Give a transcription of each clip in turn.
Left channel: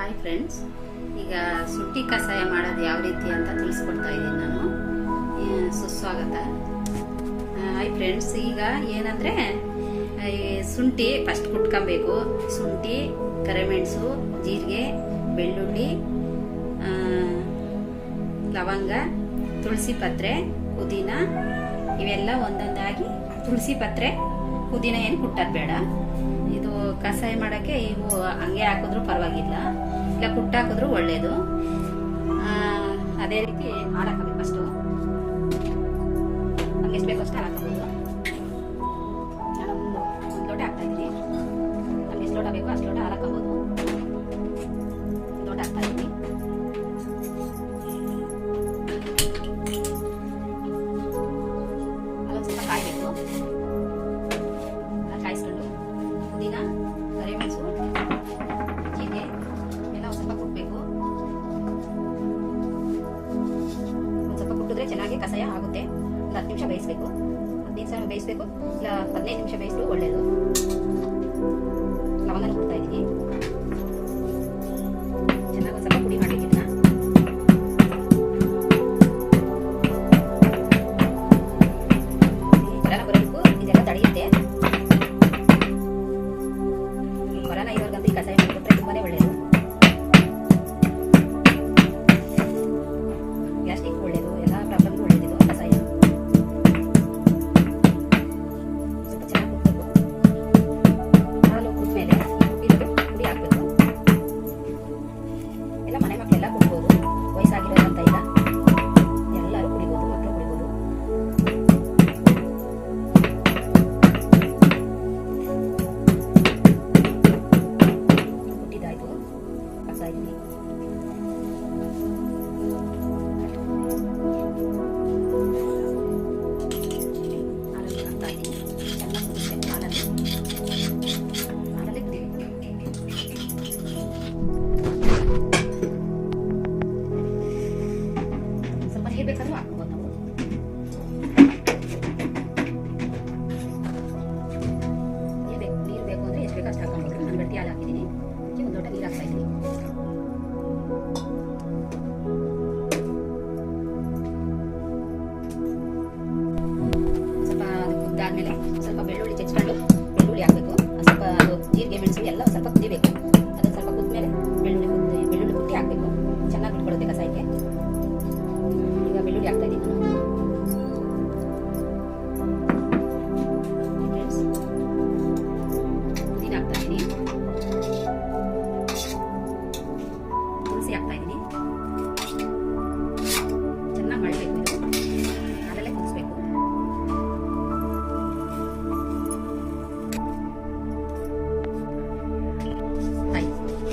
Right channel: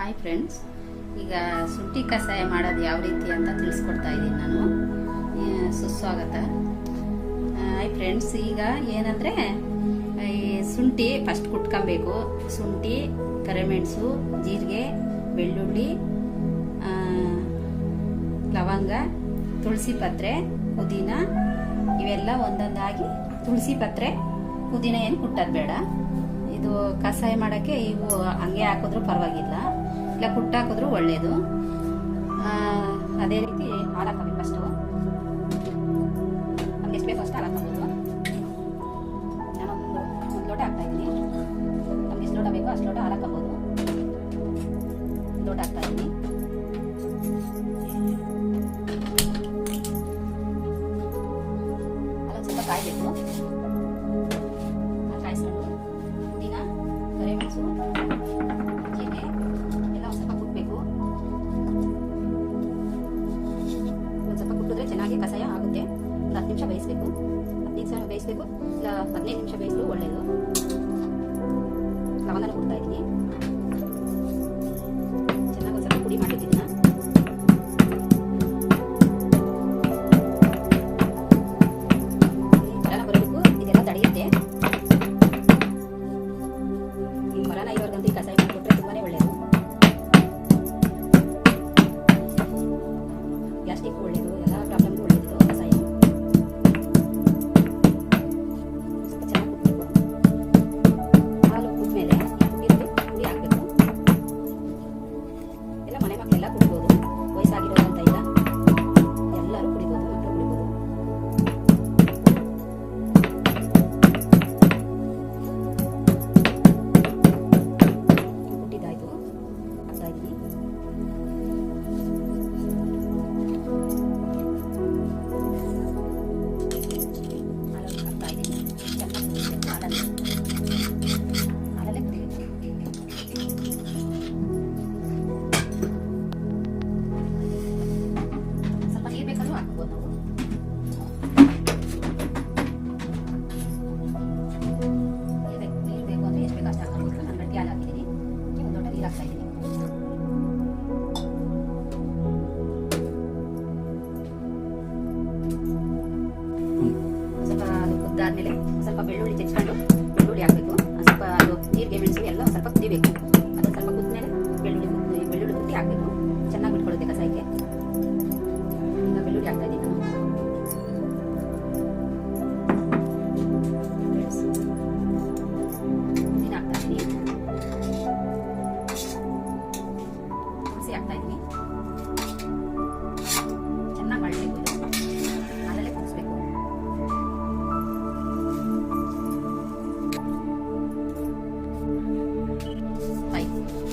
Hi friends, ಈಗ ಶುಂಠಿ ಕಷಾಯ ಮಾಡೋದು ಯಾವ ರೀತಿ ಅಂತ ತಿಳಿಸ್ಕೊಡ್ತಾ ಇದ್ದೀನಿ ನಾನು. ಸುಸ್ವಾಗತ. ಹಾಯ್ ಫ್ರೆಂಡ್ಸ್, ಈಗ ಏನಂದರೆ ಈ ಶುಂಠಿ ಫಸ್ಟ್ ಕುಟ್ಕೊಬೇಕು. ಶುಂಠಿ, ಕರಿಮೆಣಸು, ಜೀರಿಗೆ, ಬೆಳ್ಳುಳ್ಳಿ, ಲವಂಗ, ತುಳಸಿ ಪತ್ರೆ, ಪುದೀನ ಇವೆಲ್ಲ ಒಂದೊಂದಾಗಿ. ತುಳಸಿ ಪತ್ರೆ, ಪುದೀನ ಏನು ಕುಟ್ಟೋದು ಬೇಡ. ಇದು ಕಷಾಯ ಮಾಡೋಕ್ಕೆ ಇವು ಹಂಗೆ ಹಾಕಿದ್ರು ಪರವಾಗಿಲ್ಲ, ಇಲ್ಲ ಕುಟ್ಟಾಕಿದ್ರು ಒಳ್ಳೇದು. ಅದೇ ರೀತಿ ಹಾಲು ಹಾಕಬೇಕು. ಫಸ್ಟು ನಮ್ಗೆ ಎಷ್ಟು ಬೇಕು ಅಷ್ಟು ಹಾಲು ಹಾಕೋಬೋದು. ನಾನು ಒಂದು ಲೋಟ ಹಾಕ್ತಾ ಇದ್ದೀನಿ. ನಮ್ಗೆ ಎಷ್ಟು ಲೋಟ ಬೇಕೋ ಅಷ್ಟು ಲೋಟ ಹಾಲು ಹಾಕೋಬೋದು. ಲೋಟ ಹಾಕ್ತಾ ಇದ್ದೀನಿ. ಹಾಲು ಸ್ವಲ್ಪ ಕಾಯಬೇಕು. ಕಾಯಿಸ್ಕೊಂಡು ಪುದೀನ, ಕರಿಮೆಣಸು, ಜೀರಿಗೆ ಎಲ್ಲ ಸ್ವಲ್ಪ ಕುಟ್ಟಬೇಕು. ಒಂದು ಸ್ವಲ್ಪ ಕುಟ್ಟಿದ್ರೆ ಚೆನ್ನಾಗಿ ಕಷಾಯ ಆಗುತ್ತೆ. ಒಂದು 10 ನಿಮಿಷ ಬೇಯಿಸಬೇಕು. 10 ನಿಮಿಷ ಬೇಯಿಸಬೇಕು, ಇಲ್ಲ 15 ನಿಮಿಷ ಬೇಯಿಸಿದ್ರು ಒಳ್ಳೆಯದು. ಲವಂಗನ ಕೊಡ್ತಾ ಇದ್ದೀನಿ. ಚೆನ್ನಾಗಿ ಒಂದು ಸ್ವಲ್ಪ ಪುಡಿ ಮಾಡಬೇಕು. ಇದನ್ನ ಬರನ ಬರಬೇಕು, ಇದೆಲ್ಲ ತಡೆಯುತ್ತೆ. ಬರನ ಇವ್ರಿಗಂತೂ ಈ ಕಷಾಯ ಮಾಡಿಕೊಟ್ರೆ ತುಂಬಾನೇ ಒಳ್ಳೆಯದು. ಗ್ಯಾಸ್ಟ್ರಿಕ್ ಒಳ್ಳೆಯದು, ಎಲ್ಲ ಪ್ರಾಬ್ಲಮ್ಗೂ ಒಳ್ಳೆಯದು ಕಷಾಯ. ಸ್ವಲ್ಪ ಚೆನ್ನಾಗಿ ಕುಟ್ಬೇಕು. ಹಾಲು ಕುಟ್ಮೇಲೆ ಕುಟ್ಟಿರೋದು ಪುಡಿ ಹಾಕಬೇಕು. ಎಲ್ಲ ಮನೆ ಮಕ್ಕಳೆಲ್ಲ ಕುಡ್ಬೋದು, ವಯಸ್ಸಾಗಿರೋದು ಅಂತ ಇಲ್ಲ, ಎಲ್ಲರೂ ಕುಡಿಬೋದು, ಮಕ್ಕಳು ಕುಡಿಬೋದು. ಕುಟ್ಟಿದ್ದಾಯ್ತು, ಹಾಕ್ತಾ ಇದ್ದೀನಿ. ಸ್ವಲ್ಪ ನೀರು ಬೇಕಾದ್ರೂ ಹಾಕ್ಬೋದು ನಾವು. ನೀರು ಬೇಕು ಅಂದರೆ ಎಷ್ಟು ಬೇಕು ಅಷ್ಟು ಹಾಕ್ಕೊಬೇಕು. ನಾನು ಗಟ್ಟಿ ಹಾಲು ಹಾಕಿದ್ದೀನಿ. ಒಂದು ಲೋಟ ನೀರು ಹಾಕ್ತಾ ಇದ್ದೀನಿ. ಸ್ವಲ್ಪ ಕುದ್ದಾದ್ಮೇಲೆ ಸ್ವಲ್ಪ ಬೆಳ್ಳುಳ್ಳಿ ಚೆಚ್ಕೊಂಡು ಬೆಳ್ಳುಳ್ಳಿ ಹಾಕಬೇಕು. ಸ್ವಲ್ಪ ಅದು ಜೀರಿಗೆ, ಮೆಣಸು ಎಲ್ಲ ಸ್ವಲ್ಪ ಕುದಿಬೇಕು. ಅದನ್ನು ಸ್ವಲ್ಪ ಕುದ್ಮೇಲೆ ಬೆಳ್ಳುಳ್ಳಿ ಕುಟ್ಟಿ ಹಾಕಬೇಕು. ಚೆನ್ನಾಗಿ ಬಿಟ್ಕೊಳ್ಳುತ್ತೆ ಕಷಾಯಕ್ಕೆ. ಈಗ ಬೆಳ್ಳುಳ್ಳಿ ಹಾಕ್ತಾ ಇದ್ದೀನಿ ನಾನು. ಫ್ರೆಂಡ್ಸ್, ಪುದೀನ ಹಾಕ್ತಾ ಇದ್ದೀನಿ. ತುಳಸಿ ಹಾಕ್ತಾ ಇದ್ದೀನಿ. ಚೆನ್ನಾಗಿ ಮಾಡಬೇಕು. ಇದು ಹಾಲಲ್ಲೇ ಕುದಿಸ್ಬೇಕು.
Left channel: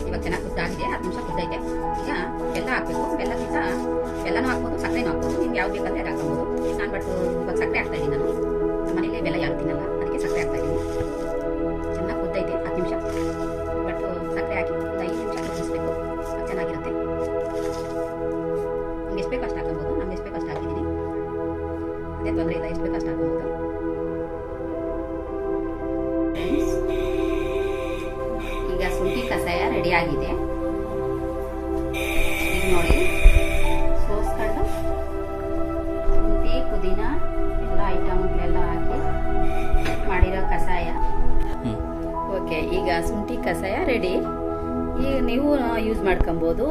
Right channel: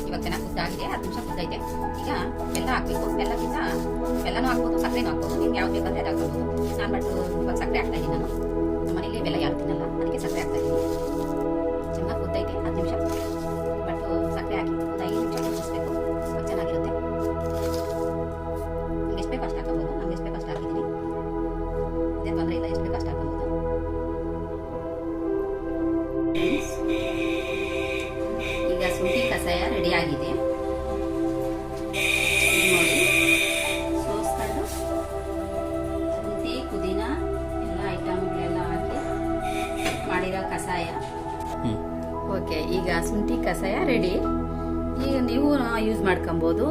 ಇವಾಗ ಚೆನ್ನಾಗಿ ಕುದ್ದಾಗಿದೆ. 10 ನಿಮಿಷ ಕುದ್ದೈತೆ. ಈಗ ಬೆಲ್ಲ ಹಾಕಬೇಕು. ಬೆಲ್ಲನೂ ಹಾಕ್ಬೋದು, ಸಕ್ಕರೆನೂ ಹಾಕ್ಬೋದು. ನಿಮ್ಗೆ ಯಾವ್ದು ಬೇಕಂದ್ರೆ ಅದು ಹಾಕ್ಬೋದು. ನಾನು ಇವಾಗ ಸಕ್ಕರೆ ಹಾಕ್ತಾ ಇದ್ದೀನಿ. ನಾನು ನಮ್ಮ ಮನೇಲಿ ಬೆಲ್ಲ ಯಾರು ತಿನ್ನಲ್ಲ, ಅದಕ್ಕೆ ಸಕ್ಕರೆ ಹಾಕ್ತಾ ಇದ್ದೀನಿ. ಚೆನ್ನಾಗಿ ಕುದ್ದೈತೆ. 10 ನಿಮಿಷ ಸಕ್ಕರೆ ಹಾಕಿ ಒಂದು 5 ನಿಮಿಷ ಕುದಿಸ್ಬೇಕು. ಚೆನ್ನಾಗಿರುತ್ತೆ. ನಿಮ್ಗೆ ಎಷ್ಟು ಬೇಕು ಅಷ್ಟು ಹಾಕೋಬೋದು. ನಮ್ಗೆ ಎಷ್ಟು ಬೇಕು ಅಷ್ಟು ಹಾಕಿದ್ದೀನಿ. ಅದೇ ತೊಂದರೆ ಇಲ್ಲ, ಎಷ್ಟು ಬೇಕು ಅಷ್ಟು ಹಾಕೋಬೋದು. ಈಗ ಶುಂಠಿ ಕಷಾಯ ರೆಡಿ ಆಗಿದೆ. ಈಗ ನೋಡಿ, ಸೋಸ್ಕೊಂಡು ಶುಂಠಿ, ಪುದೀನ ಎಲ್ಲ ಐಟಮ್ಗಳೆಲ್ಲ ಹಾಕಿ ಮಾಡಿರೋ ಕಷಾಯ. ಓಕೆ, ಈಗ ಶುಂಠಿ ಕಷಾಯ ರೆಡಿ. ಈಗ ನೀವು ಯೂಸ್ ಮಾಡ್ಕೊಬೋದು.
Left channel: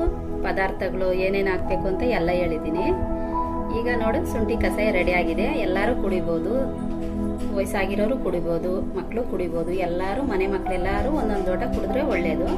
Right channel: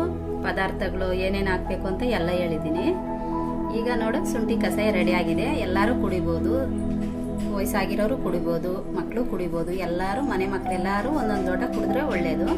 ಪದಾರ್ಥಗಳು ಏನೇನು ಹಾಕಬೇಕು ಅಂತ ಎಲ್ಲ ಹೇಳಿದ್ದೀನಿ. ಈಗ ನೋಡು, ಶುಂಠಿ ಕಷಾಯ ರೆಡಿ ಆಗಿದೆ. ಎಲ್ಲರೂ ಕುಡಿಬೋದು, ವಯಸ್ಸಾಗಿರೋರು ಕುಡಿಬೋದು, ಮಕ್ಕಳು ಕುಡಿಬೋದು. ಎಲ್ಲರೂ, ಮನೆ ಮಕ್ಕಳೆಲ್ಲರೂ ಒಂದೊಂದು ಲೋಟ ಕುಡಿದ್ರೆ ಒಳ್ಳೆಯದು.